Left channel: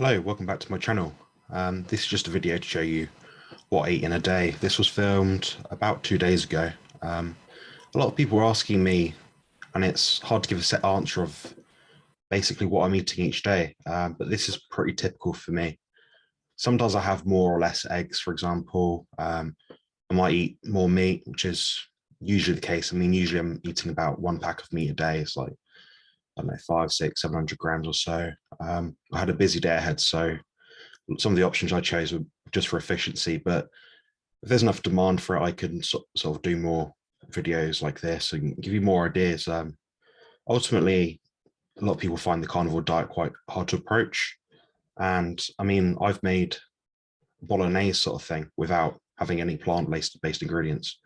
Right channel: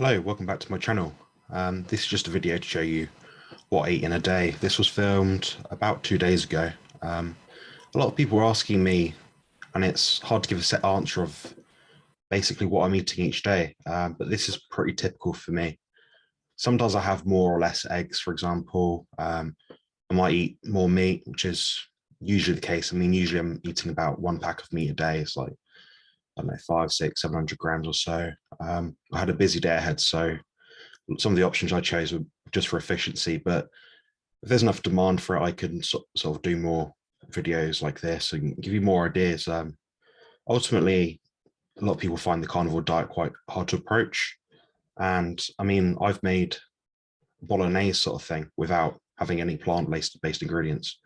Hello, welcome back to my channel. This is just a video to show you what I eat in a day. This was filmed about 2 days ago. A lot of people are asking me, and it's hard to give a set answer of basically what I'm eating each day, but this is pretty typical for me. Sometimes I have more or less eggs, for example. I might eat more meat, which is usually the case. I mean, usually I'm eating about one pack of meat a day. It's like, I don't know, 5, 6, 700 grams or so. I had a busy day ahead, so some of the options I chose were just for efficiency, but if there's enough demand for it, I can sort of do more videos like this and give you more ideas. Ultimately, a lot of people find the carnivore diet quite hard to approach. And I mean, I've made bolognese sort of thing without having any plant-based ingredients.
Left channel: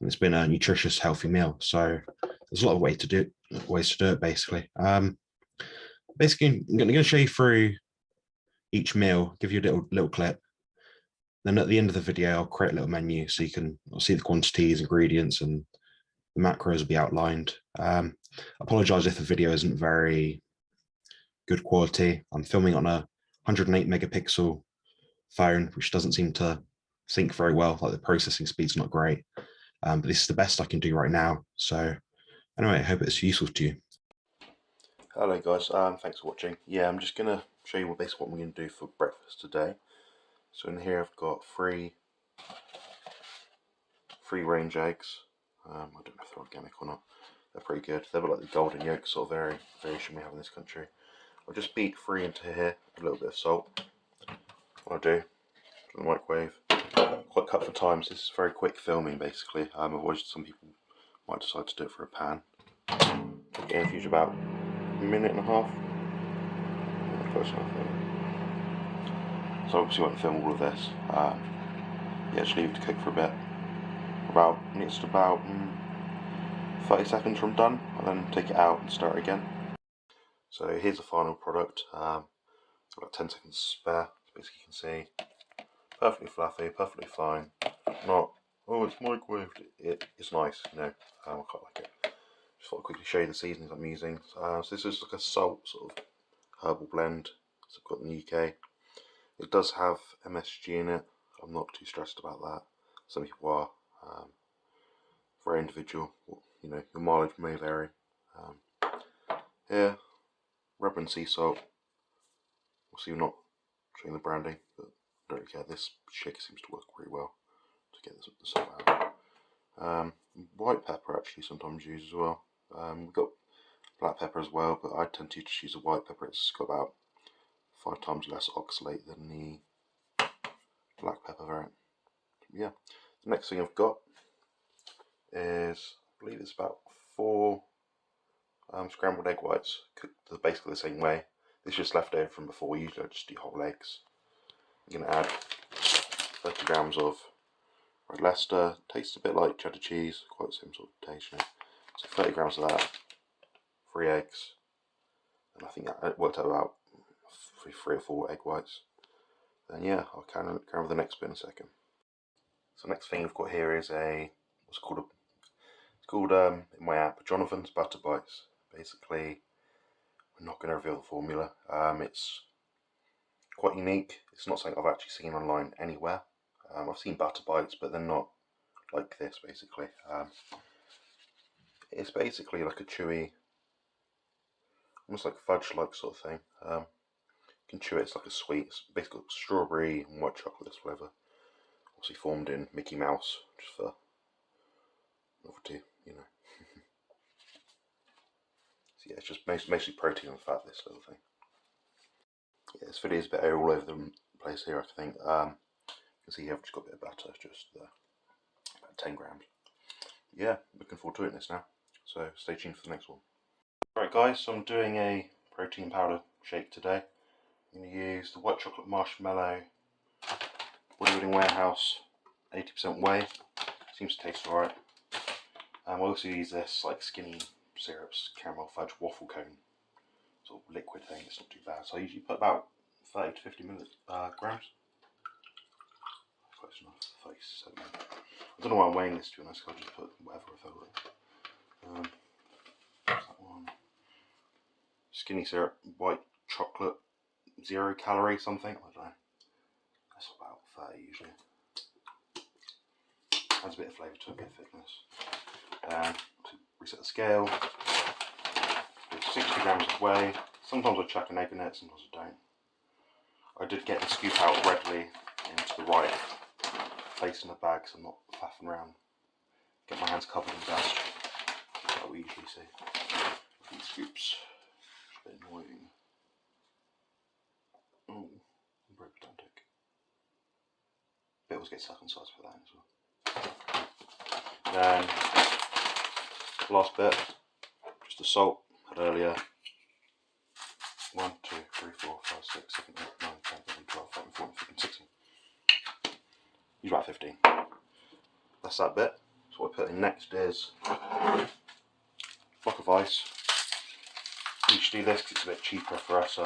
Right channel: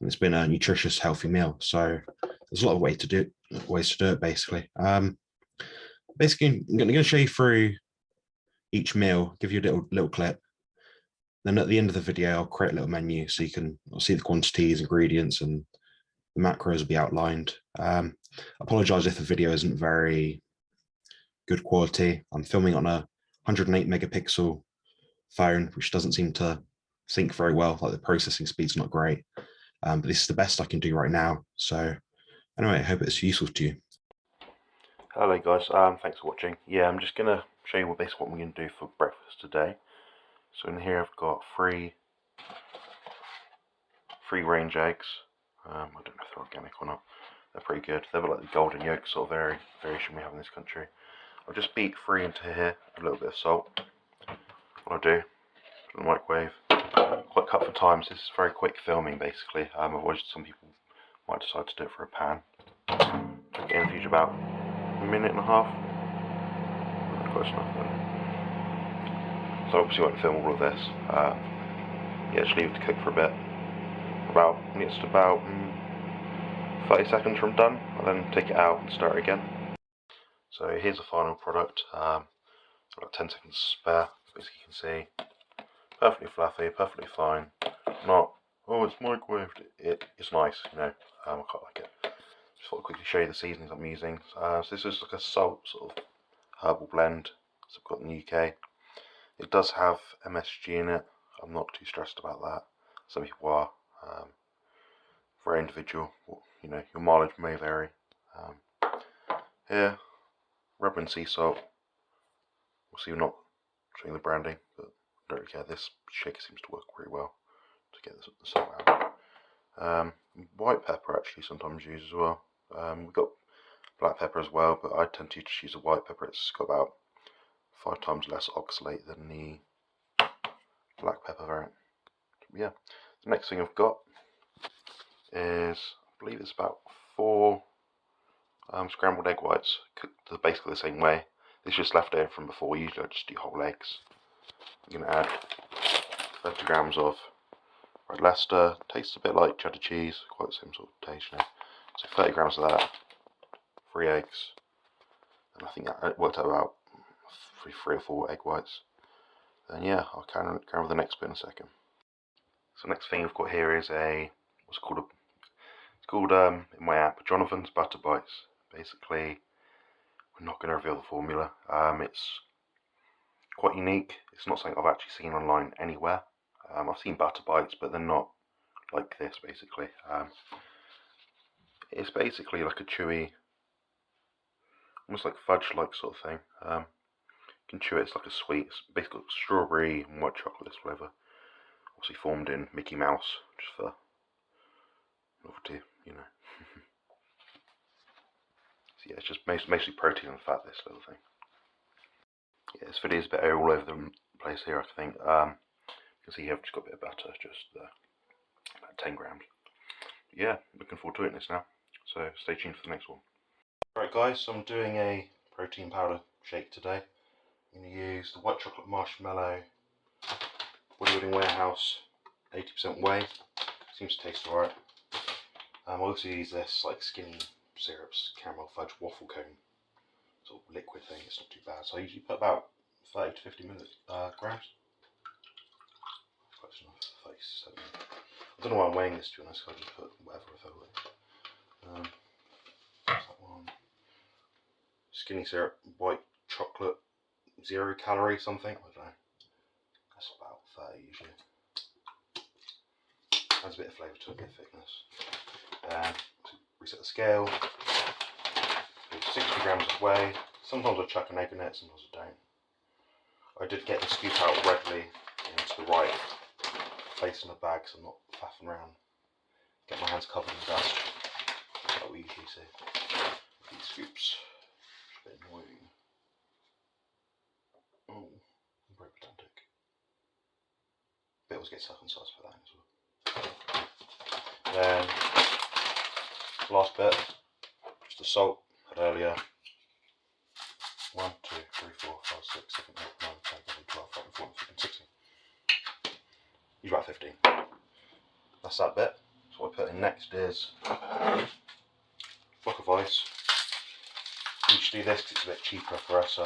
And it's been a nutritious, healthy meal. So there's a lot of ways to do it, basically. Basically, I'm going to show you through each meal, give you a little clip. Then at the end of the video, I'll create a little menu so you can see the quantities, ingredients, and the macros will be outlined. Apologize if the video isn't very good quality. I'm filming on a 108 megapixel phone, which doesn't seem to sync very well. Like the processing speed's not great. But this is the best I can do right now. So anyway, I hope it's useful to you. Hello guys, thanks for watching. Yeah, I'm just going to show you what we're going to do for breakfast today. So in here I've got three free-range eggs. I don't know if they're organic or not. They're pretty good. They're like the golden yolk sort of variation we have in this country. I'll just beat 3 into here, a little bit of salt. What I do, put it in the microwave. Quite cut for time, so this is very quick filming basically. Otherwise some people might decide to do it for a pan. Cook it in the future about a minute and a half. Close enough then. So obviously won't film all of this. Yeah, just leave it to cook for a bit. About 30 seconds from done. I'll then take it out and stir it again. So here's the final product. I've got 10 seconds to spare. As you can see, perfectly fluffy, perfectly fine. Not, oh, it's microwaved. It's nice, you know. I quite like it. Just thought I'd quickly show you the seasonings I'm using. So this is like a salt sort of herbal blend. So I've got in the UK. It does have MSG in it. I'm not too stressed about that. Some people are. Very individual. You know, your mileage may vary. Here, rub and sea salt. We'll see you're not showing the branding, but I don't really care. This shaker seems to work pretty well to get the salt out. White pepper actually sometimes used as well. We've got black pepper as well, but I tend to just use a white pepper. It's got about 5 times less oxalate than the black pepper variant. Yeah, the next thing I've got is, I believe it's about 4 scrambled egg whites, cooked basically the same way. This is just left over from before. Usually I just do whole eggs. I'm going to add 30 grams of red Leicester. Tastes a bit like cheddar cheese, quite the same sort of taste, you know. So 30 grams of that, 3 eggs, and I think that worked out about 3 or 4 egg whites. Then yeah, I'll carry on with the next bit in a second. So next thing I've got here is it's called in my app, Jonathan's Butter Bites. Basically, we're not going to reveal the formula. It's quite unique. It's not something I've actually seen online anywhere. I've seen butter bites, but they're not like this, basically. It's basically like a chewy, almost like fudge-like sort of thing. You can chew it, it's like a sweet, it's basically strawberry and white chocolate flavour. Obviously formed in Mickey Mouse, just for novelty, you know. So yeah, it's just mostly protein and fat, this little thing. Yeah, this video is a bit all over the place here, I think. You can see here I've just got a bit of butter, just about 10 grams. Yeah, looking forward to eating this now. So stay tuned for the next one. Alright guys, so I'm doing a protein powder shake today. I'm going to use the white chocolate marshmallow Bodybuilding Warehouse 80% whey. Seems to taste alright. I also use this like skinny syrups caramel fudge waffle cone sort of liquid thing. It's not too bad. So I usually put about 30 to 50 grams. Close enough. 37. I don't know why I'm weighing this, to be honest. I'll just put whatever I feel like. What's that one? Skinny syrup, white chocolate 0 calorie something. I don't know. That's about 30 usually. Adds a bit of flavour to it, a bit of thickness. And reset the scale. 60 grams of whey. Sometimes I chuck an egg in it, sometimes I don't. I did get the scoop out readily into the right place in the bag, so I'm not faffing around. Get my hands covered in dust. That's what we usually see. These scoops. It's a bit annoying. Oh, I'm very pedantic. Bit always get stuck on sides for that as well. Then, last bit, just the salt I had earlier. 1, 2, 3, 4, 5, 6, 7, 8, 9, 10, 11, 12, 13, 14, 15, 16. Use about 15. That's that bit. So what I put in next is a block of ice. Usually this because it's a bit cheaper for us.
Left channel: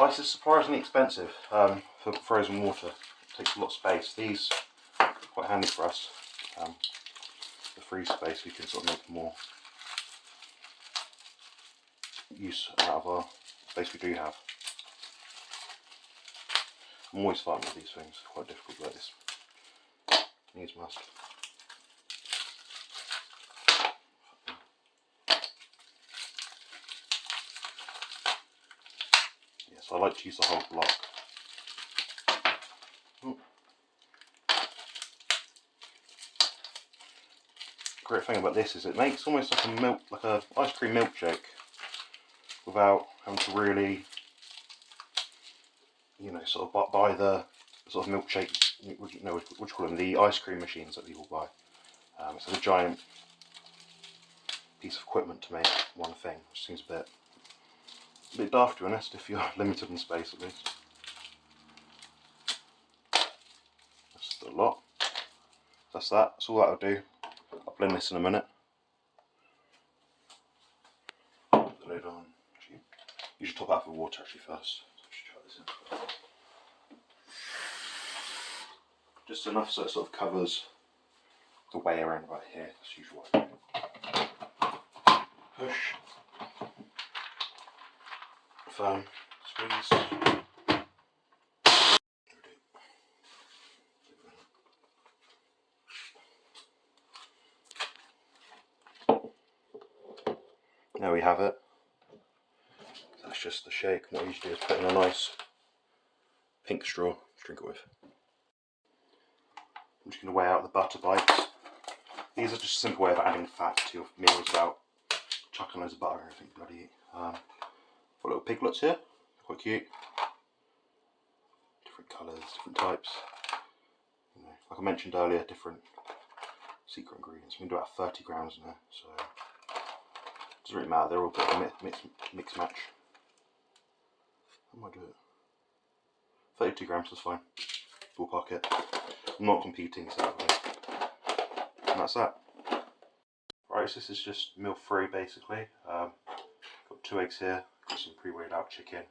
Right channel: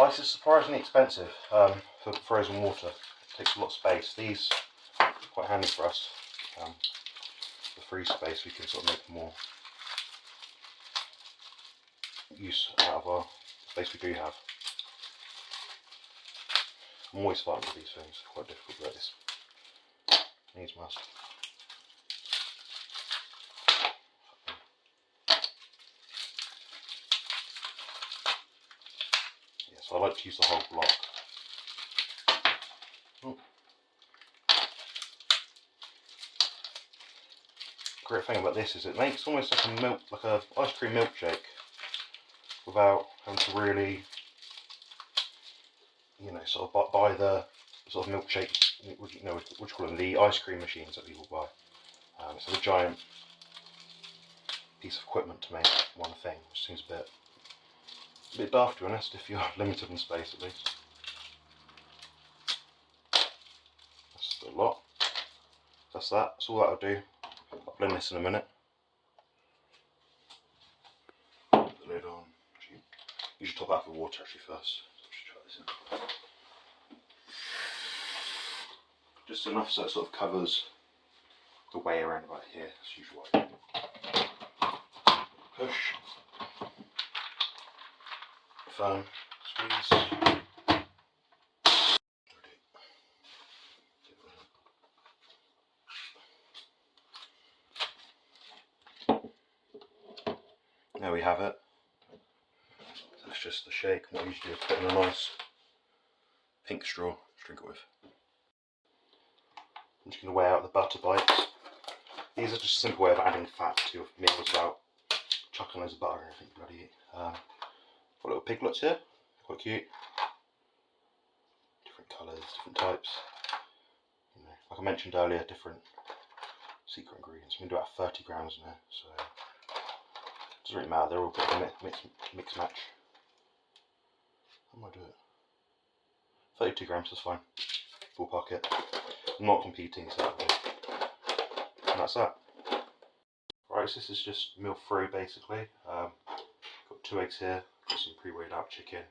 Ice is surprisingly expensive for frozen water. It takes a lot of space. These are quite handy for us. The freeze space, we can sort of make more use out of our space we do have. I'm always fighting with these things, quite difficult like this. Needs must. Yeah, so I like to use the whole block. Great thing about this is it makes almost like a milk, like a ice cream milkshake, without having to really, you know, sort of buy the sort of milkshake, what do you call them, the ice cream machines that people buy. It's a giant piece of equipment to make one thing, which seems a bit daft to be honest, if you're limited in space at least. That's a lot. That's that. That's all that'll do. I'll blend this in a minute. Put the lid on. Actually, you should top out with water actually first. So just try this in. Just enough so it sort of covers the way around about here. That's usually push. Firm. Squeeze. There we have it. That's just the shake. What I usually do is put in a nice pink straw to drink it with. I'm just going to weigh out the butter bites. These are just a simple way of adding fat to your meals without chucking loads of butter or anything bloody. Got little piglets here, quite cute. Different colours, different types. You know, like I mentioned earlier, different secret ingredients. I'm going to do about 30 grams in here, so it doesn't really matter, they're all good mix match. How am I doing it? 32 grams, that's fine. Ballpark it. I'm not competing, so and that's that. Right, so this is just meal free basically. Got 2 eggs here, got some pre-weighed out chicken.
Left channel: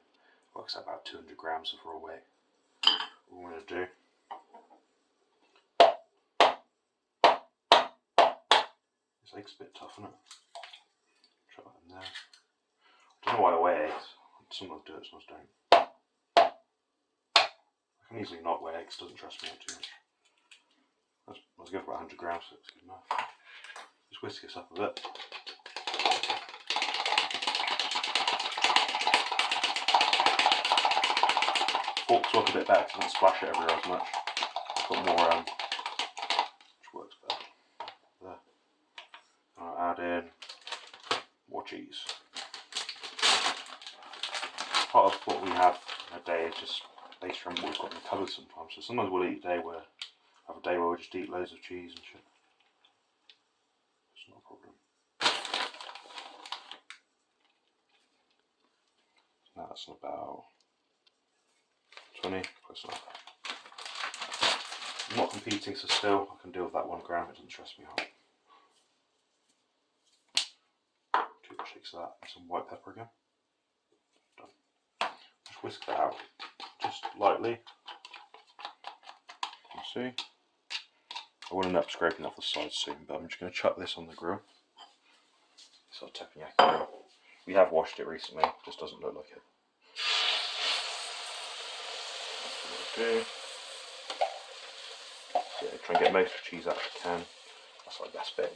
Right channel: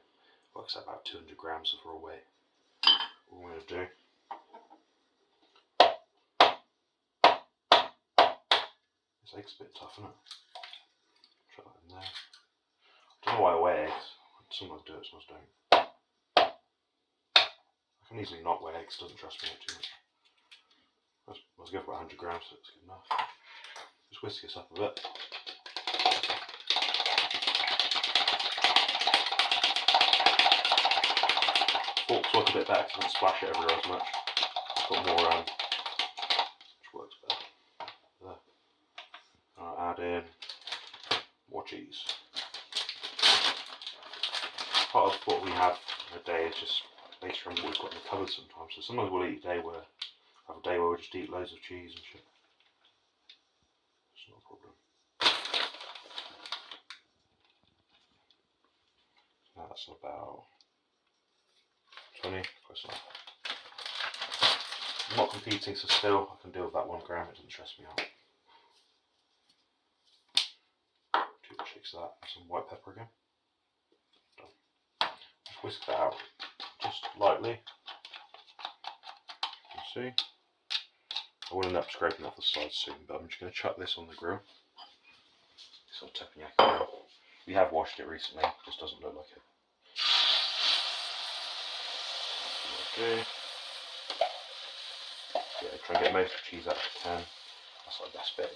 Works out about 200 grams of raw weight. What we're going to do. This egg's a bit tough, isn't it? Try that in there. I don't know why I weigh eggs. Sometimes do it, sometimes don't. I can easily not weigh eggs, doesn't trust me too much. Let's go for about 100 grams, so it's good enough. Just whisk this up a bit. Forks work a bit better because I don't splash it everywhere as much. It's got more, which works better. There. I'll add in more cheese. Part of what we have in a day is just based around what we've got in the cupboard sometimes. So sometimes we'll eat a day where we just eat loads of cheese and shit. It's not a problem. Now that's about 20, close enough. I'm not competing, so still I can deal with that 1 gram, it doesn't stress me out. 2 shakes of that, and some white pepper again. Done. Just whisk that out, just lightly. You see? I will end up scraping off the sides soon, but I'm just going to chuck this on the grill. Sort of teppanyaki. We have washed it recently, just doesn't look like it. do. Yeah, try and get most of the cheese out if you can. That's like the best bit.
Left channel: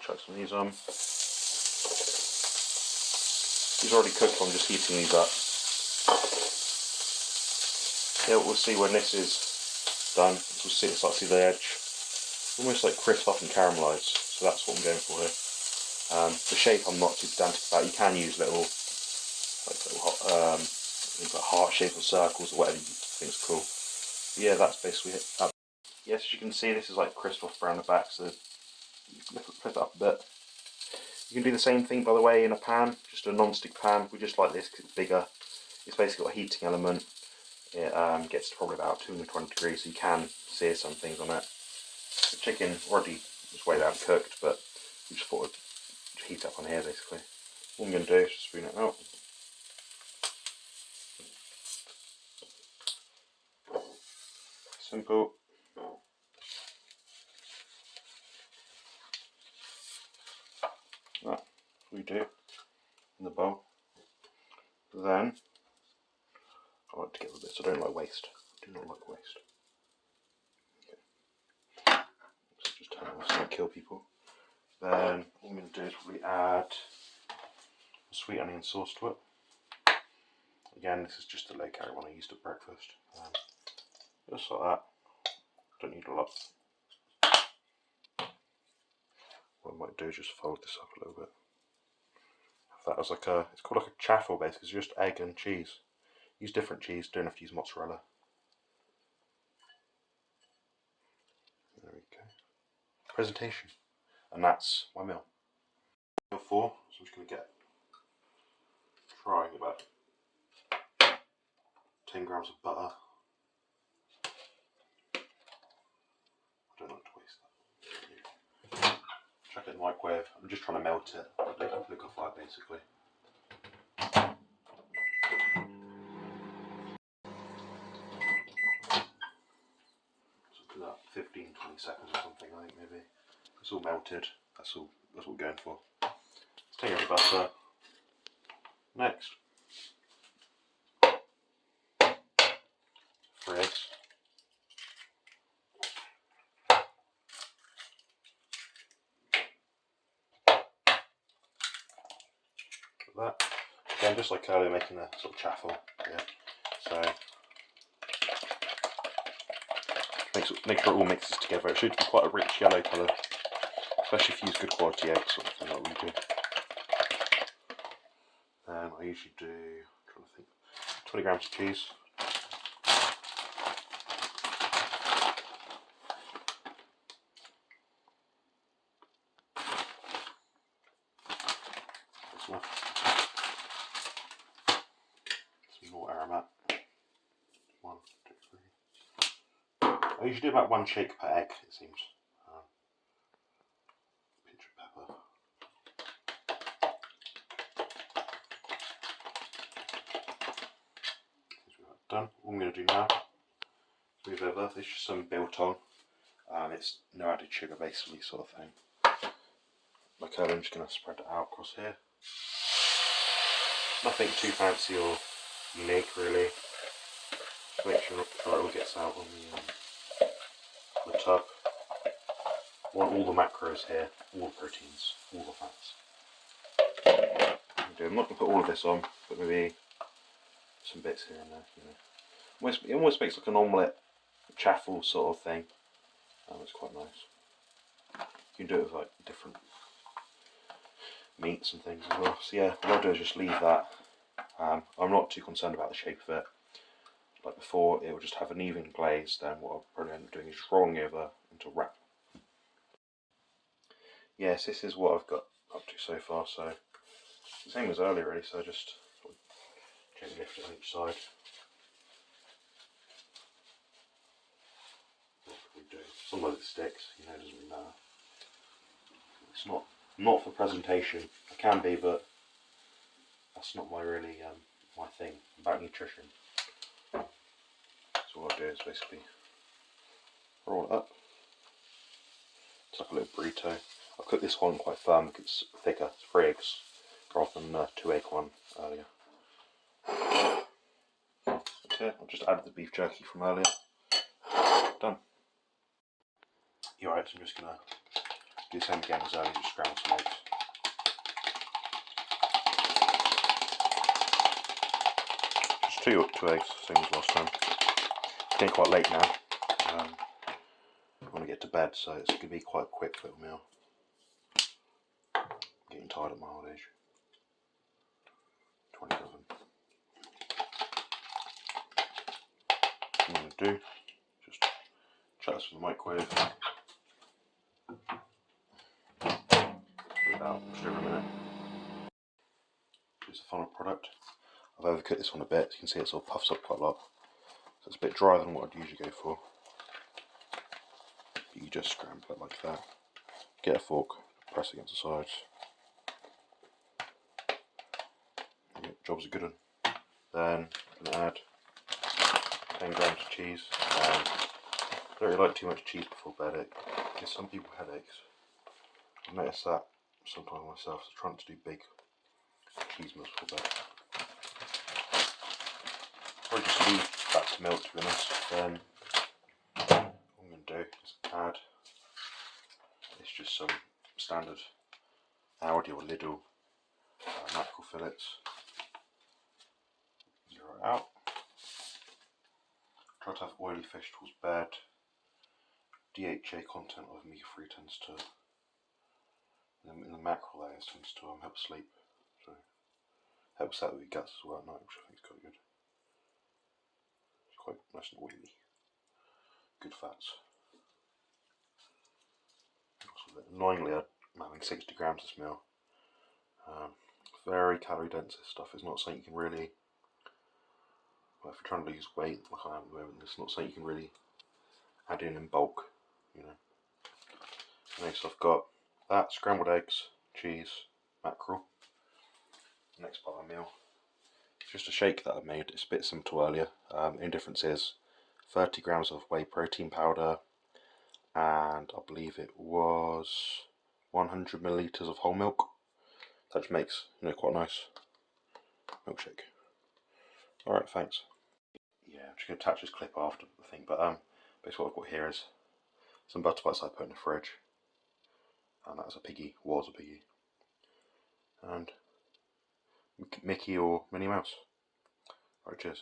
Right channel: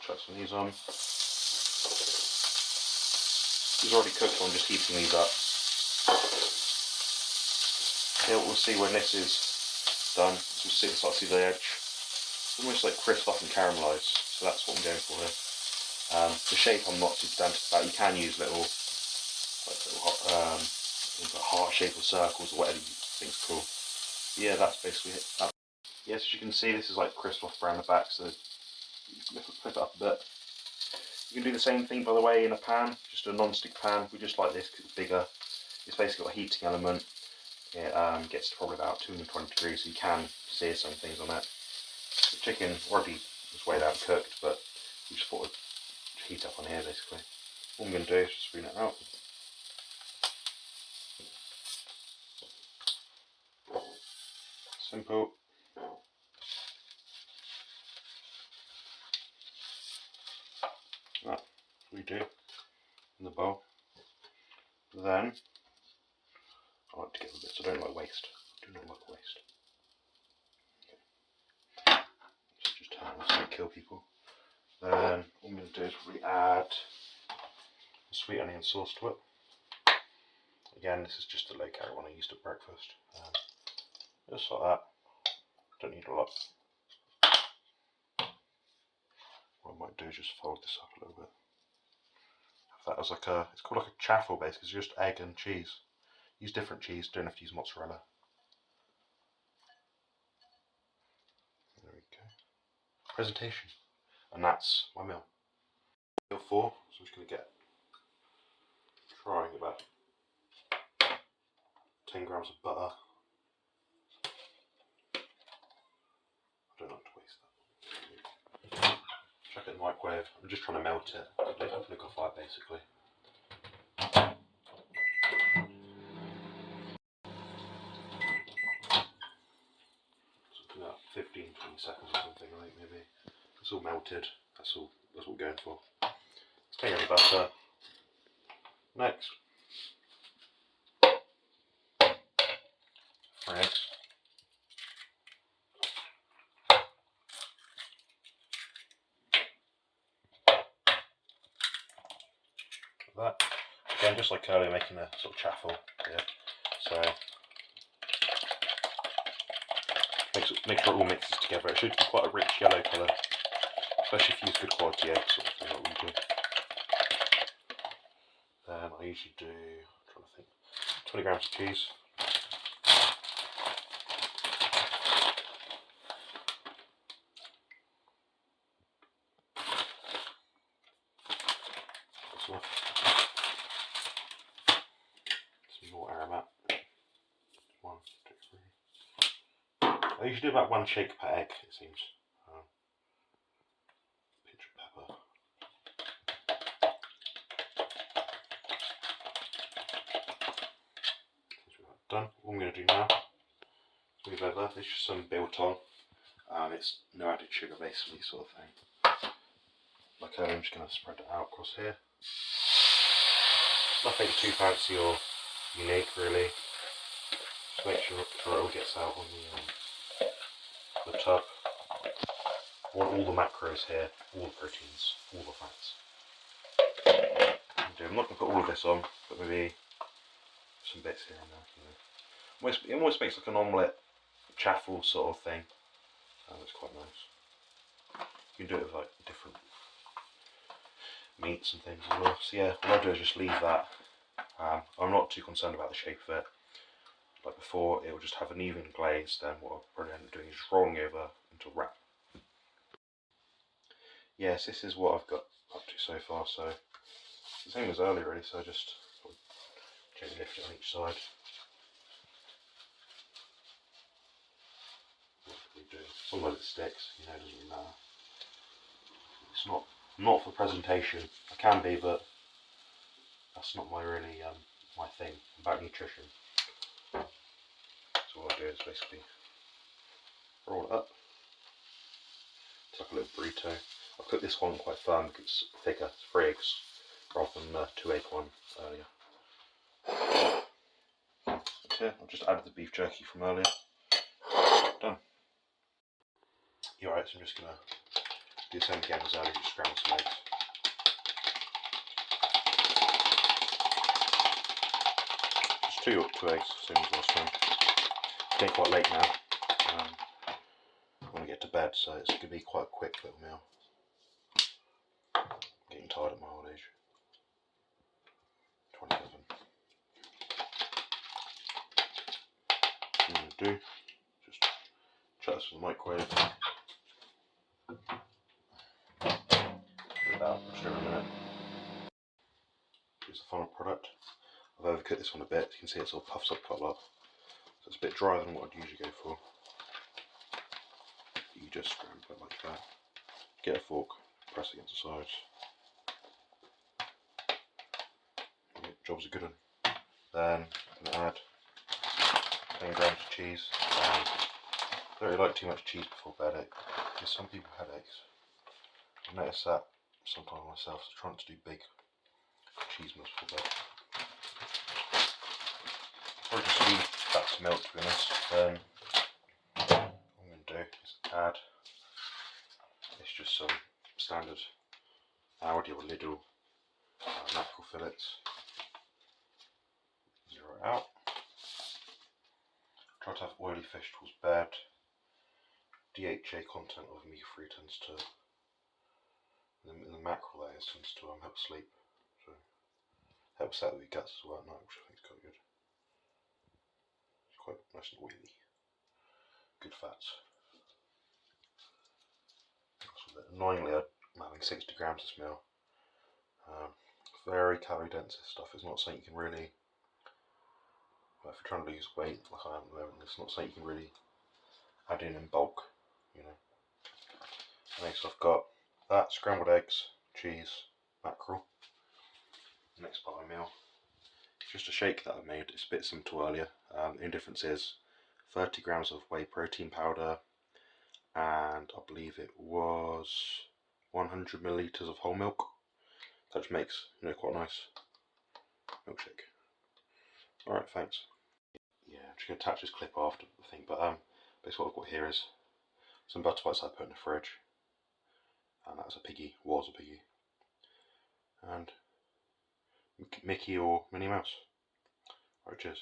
Chuck some of these on. These are already cooked, so I'm just heating these up. Here we'll see when this is done. We'll start to see the edge. It's almost like crisp up and caramelised, so that's what I'm going for here. The shape I'm not too pedantic about. You can use little heart shape or circles or whatever you think is cool. Yeah, that's basically it. Yes, as you can see, this is like crisp off around the back, so flip it up a bit. You can do the same thing, by the way, in a pan, just a non-stick pan. We just like this because it's bigger. It's basically got a heating element. It gets to probably about 220 degrees, so you can sear some things on it. The chicken already was weighed out and cooked, but we just thought it'd heat up on here basically. What I'm going to do is just spoon it out. Simple. That we do in the bowl. Then I like to get rid of this. I don't like waste. I do not like waste. Okay. Let's just turn it off so I don't kill people. Then what I'm going to do is probably add a sweet onion sauce to it. Again, this is just a low calorie one I used at breakfast. Just like that. Don't need a lot. What I might do is just fold this up a little bit. That was like it's called like a chaffle base because it's just egg and cheese. Use different cheese, don't have to use mozzarella. There we go. Presentation. And that's my meal. Meal 4, so I'm just going to trying about 10 grams of butter. I don't like to waste that. Chuck it in the microwave. I'm just trying to melt it, liquefy it basically. About 15-20 seconds or something, I think maybe. It's all melted. That's what we're going for. Let's take out the butter. Next, 3 eggs. Like that. Again, just like earlier, making a sort of chaffle here. So make sure it all mixes together. It should be quite a rich yellow colour, especially if you use good quality eggs, sort of thing like we do. Then I usually do, I'm trying to think, 20 grams of cheese. That's enough. Some more aromat. 1, 2, 3. I usually do about 1 shake per egg, it seems. Pinch of pepper. Done. What I'm going to do now is move over. This is just some biltong. It's no added sugar, basically, sort of thing. Like I'm just going to spread it out across here. Nothing too fancy or unique, really. Just make sure it all gets out on the tub. I want all the macros here, all the proteins, all the fats. I'm not going to put all of this on, but maybe some bits here and there. You know. It almost makes like an omelette chaffle sort of thing. It's quite nice. You can do it with like different meats and things as well. So yeah, what I'll do is just leave that. I'm not too concerned about the shape of it. Like before, it will just have an even glaze. Then what I'll probably end up doing is just rolling over into a wrap. Yes, this is what I've got up to so far. So it's the same as earlier, really. So I just gently lift it on each side. What can we do? Sometimes it sticks, you know, it doesn't really matter. It's not for presentation. I can be, but that's not my really my thing. I'm about nutrition. So what I do is basically roll it up. It's like a little burrito. I've cooked this one quite firm because it's thicker. It's 3 eggs rather than 2 egg one earlier. here. I've just added the beef jerky from earlier. Done. You're right, so I'm just going to do the same again as earlier, just scramble some eggs. Just two eggs, same as last time. It's getting quite late now. I want to get to bed, so it's going to be quite a quick little meal. I'm getting tired at my old age. 27. What I'm going to do, just chuck this in the microwave. About just over a minute. Here's the final product. I've overcooked this one a bit. You can see it sort of puffs up quite a lot. So it's a bit drier than what I'd usually go for. You just scramble it like that. Get a fork, press against the sides. Okay, job's a good one. Then I'm going to add 10 grams of cheese. I don't really like too much cheese before bed. It gives some people headaches. I've noticed that sometimes myself, so trying to do big cheese meals before bed. So I'll just leave that to melt, to be honest. Then what I'm going to do is add, it's just some standard Aldi or Lidl mackerel fillets. Zero it out. Try to have oily fish towards bed. DHA content of omega-3 tends to, in the mackerel layers, tends to help sleep. So helps out with your guts as well at night, which I think is quite good. It's quite nice and oily. Good fats. Annoyingly, I'm having 60 grams this meal. Very calorie dense this stuff. It's not something you can really, well, if you're trying to lose weight like I am at the moment, it's not something you can really add in bulk, you know. Next I've got that, scrambled eggs, cheese, mackerel. Next part of my meal. It's just a shake that I made. It's a bit similar to earlier. The only difference is 30 grams of whey protein powder, and I believe it was 100 millilitres of whole milk. That makes, you know, quite a nice milkshake. Alright, thanks. Yeah, I'm just going to attach this clip after the thing, but basically what I've got here is some butter bites I put in the fridge, and that was a piggy, and Mickey or Minnie Mouse. Alright, cheers.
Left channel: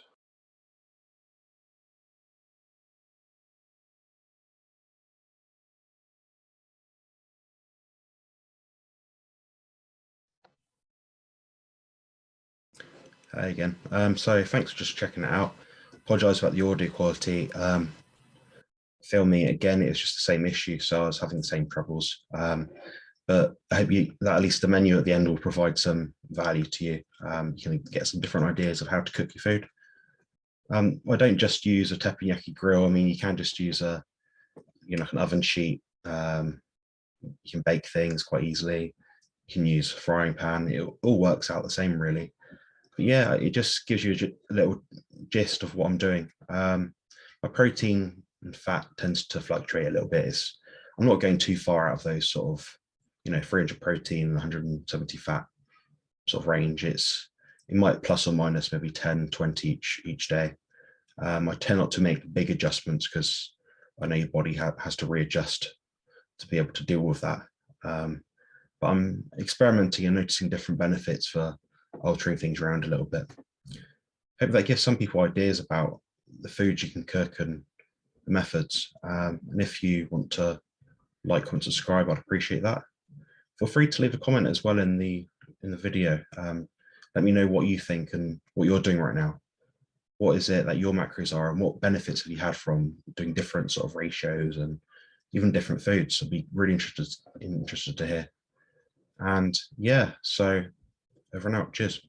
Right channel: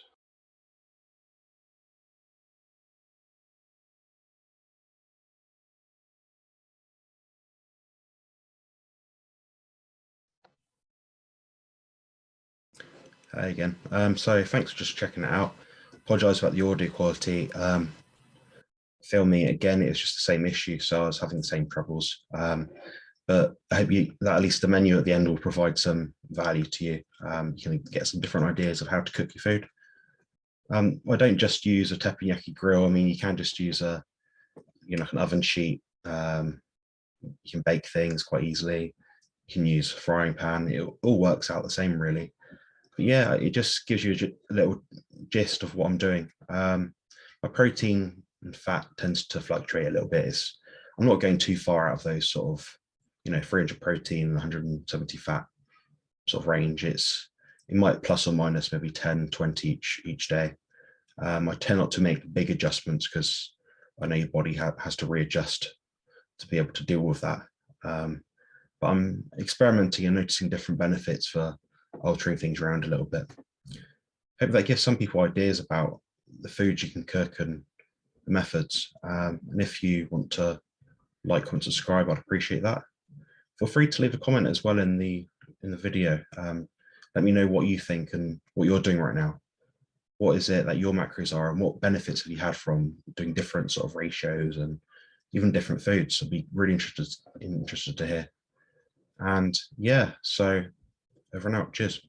Hi again. So thanks for just checking it out. Apologise about the audio quality. Filming it again, it was just the same issue, so I was having the same troubles. But I hope that at least the menu at the end will provide some value to you. You can get some different ideas of how to cook your food. I don't just use a teppanyaki grill. I mean, you can just use an oven sheet. You can bake things quite easily. You can use a frying pan. It all works out the same, really. But yeah, it just gives you a little gist of what I'm doing. My protein and fat tends to fluctuate a little bit. I'm not going too far out of those sort of, 300 protein, 170 fat sort of range. It might plus or minus maybe 10, 20 each day. I tend not to make big adjustments because I know your body has to readjust to be able to deal with that. But I'm experimenting and noticing different benefits for altering things around a little bit. Hope that gives some people ideas about the foods you can cook and the methods. And if you want to like, comment, subscribe, I'd appreciate that. Feel free to leave a comment as well in the video. Let me know what you think and what you're doing right now. What is it that your macros are, and what benefits have you had from doing different sort of ratios and even different foods? I'd be really interested to hear. And yeah, so over and out. Cheers.